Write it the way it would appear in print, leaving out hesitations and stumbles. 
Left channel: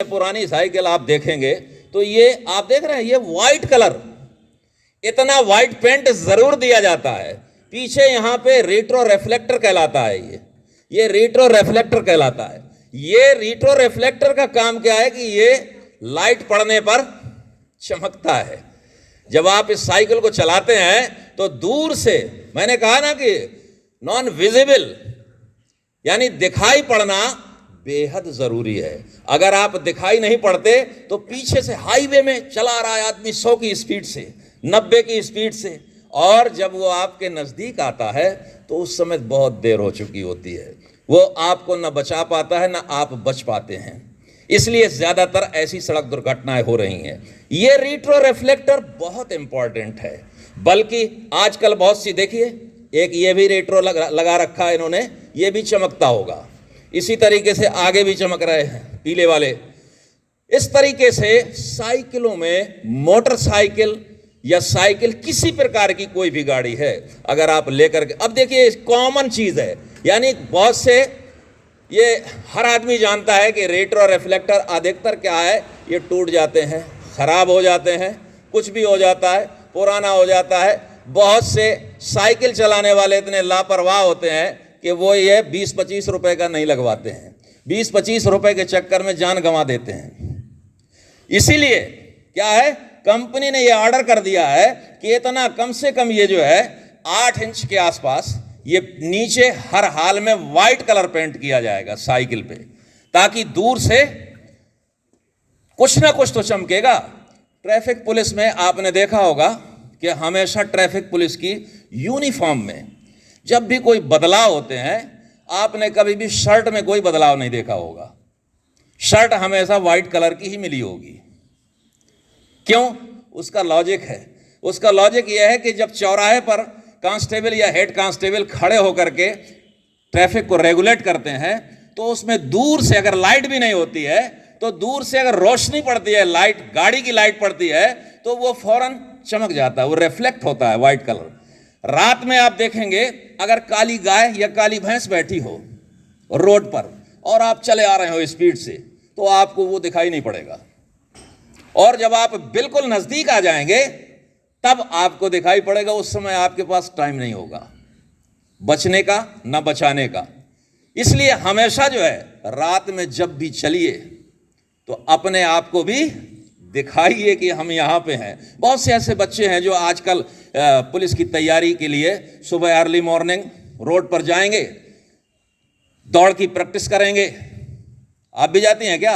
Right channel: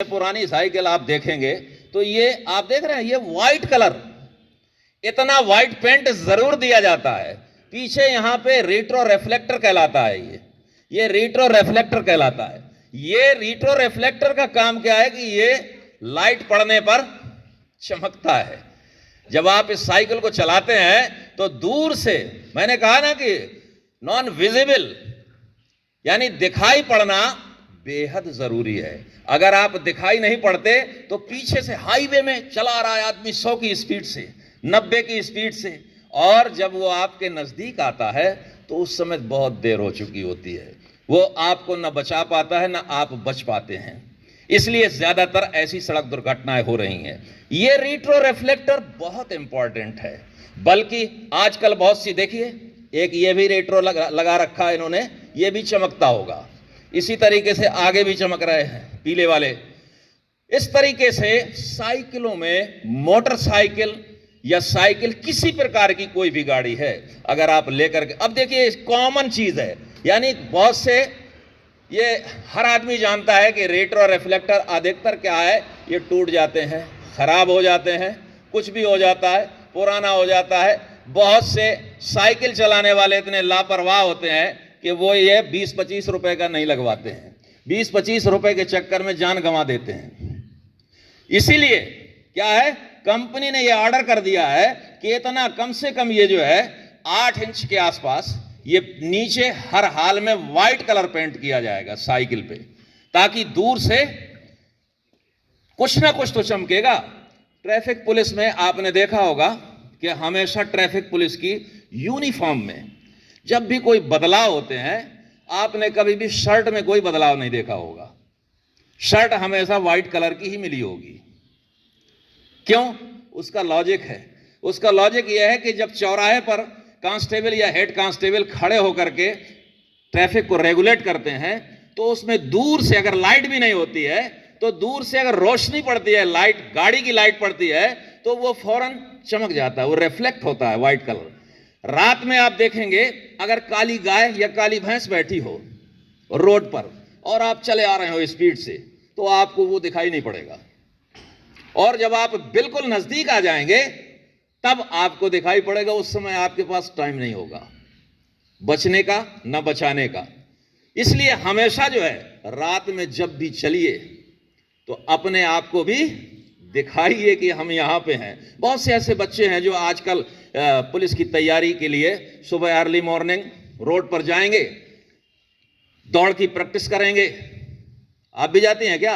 पुरानी साइकिल आप देखेंगे तो ये आप देख रहे हैं, ये व्हाइट कलर, इतना व्हाइट पेंट जरूर दिया जाता है। पीछे यहां पे रेट्रो रिफ्लेक्टर कहलाता है, ये रेट्रो रिफ्लेक्टर कहलाता है। ये रेट्रो रिफ्लेक्टर का काम क्या है कि ये लाइट पड़ने पर चमकता है। जब आप इस साइकिल को चलाते हैं तो दूर से, मैंने कहा ना कि नॉन विजिबल यानी दिखाई पड़ना बेहद जरूरी है। अगर आप दिखाई नहीं पड़ते तो पीछे से हाईवे में चला रहा है आदमी 100 की स्पीड से, 90 की स्पीड से, और जब वो आपके नजदीक आता है तो उस समय बहुत देर हो चुकी होती है। वो आपको न बचा पाता है, न आप बच पाते हैं। इसलिए ज्यादातर ऐसी सड़क दुर्घटनाएं हो रही हैं। ये रेट्रो रिफ्लेक्टर बहुत इंपॉर्टेंट है। बल्कि आजकल बहुत सी, देखिए एक ये भी रेट्रो लगा रखा है इन्होंने, ये भी चमकता होगा। इसी तरीके से आगे भी चमक रहे हैं पीले वाले। इस तरीके से साइकिलों में, मोटरसाइकिल या साइकिल, किसी प्रकार की कोई भी गाड़ी है अगर आप लेकर के, अब देखिए कॉमन चीज है, यानी बहुत से, ये हर आदमी जानता है कि रेट्रो रिफ्लेक्टर अधिकतर क्या है, ये टूट जाते हैं, खराब हो जाते हैं, कुछ भी हो जाता है, पुराना हो जाता है। बहुत से साइकिल चलाने वाले इतने लापरवाह होते हैं कि वो ये 20-25 रुपए का नहीं लगवाते हैं, 20-25 रुपए के चक्कर में जान गंवा देते हैं। इसीलिए क्या है, कंपनी ने ये ऑर्डर कर दिया है कि इतना कम से कम ये जो है 8 इंच के आसपास, ये नीचे हर हाल में व्हाइट कलर पेंट किया जाएगा साइकिल पे, ताकि दूर से कुछ ना कुछ तो चमकेगा। ट्रैफिक पुलिस में आपने देखा होगा कि हमेशा ट्रैफिक पुलिस की यूनिफॉर्म में जब भी कोई बदलाव होते हैं, आपने कभी भी शर्ट में कोई बदलाव नहीं देखा होगा। शर्ट हमेशा व्हाइट कलर की ही मिली होगी। क्यों? उसका लॉजिक है। उसका लॉजिक यह है कि जब चौराहे पर कांस्टेबल या हेड कांस्टेबल खड़े होकर के ट्रैफिक को रेगुलेट करते हैं, तो उसमें दूर से अगर लाइट भी नहीं होती है, तो दूर से अगर रोशनी पड़ती है, लाइट, गाड़ी की लाइट पड़ती है, तो वो फौरन चमक जाता है, वो रिफ्लेक्ट होता है व्हाइट कलर। रात में आप देखेंगे अगर काली गाय या काली भैंस बैठी हो रोड पर और आप चले आ रहे हो स्पीड से, तो आपको वो दिखाई नहीं पड़ेगा। और जब आप बिल्कुल नजदीक आ जाएंगे तब आपको दिखाई पड़ेगा। उस समय आपके पास टाइम नहीं होगा बचने का, ना बचाने का। इसलिए हमेशा जो है रात में जब भी चलिए तो अपने आप को भी दिखाइए कि हम यहाँ पे हैं। बहुत से ऐसे बच्चे हैं जो आजकल पुलिस की तैयारी के लिए सुबह अर्ली मॉर्निंग रोड पर जाएंगे, दौड़ की प्रैक्टिस करेंगे। आप भी जाती हैं क्या?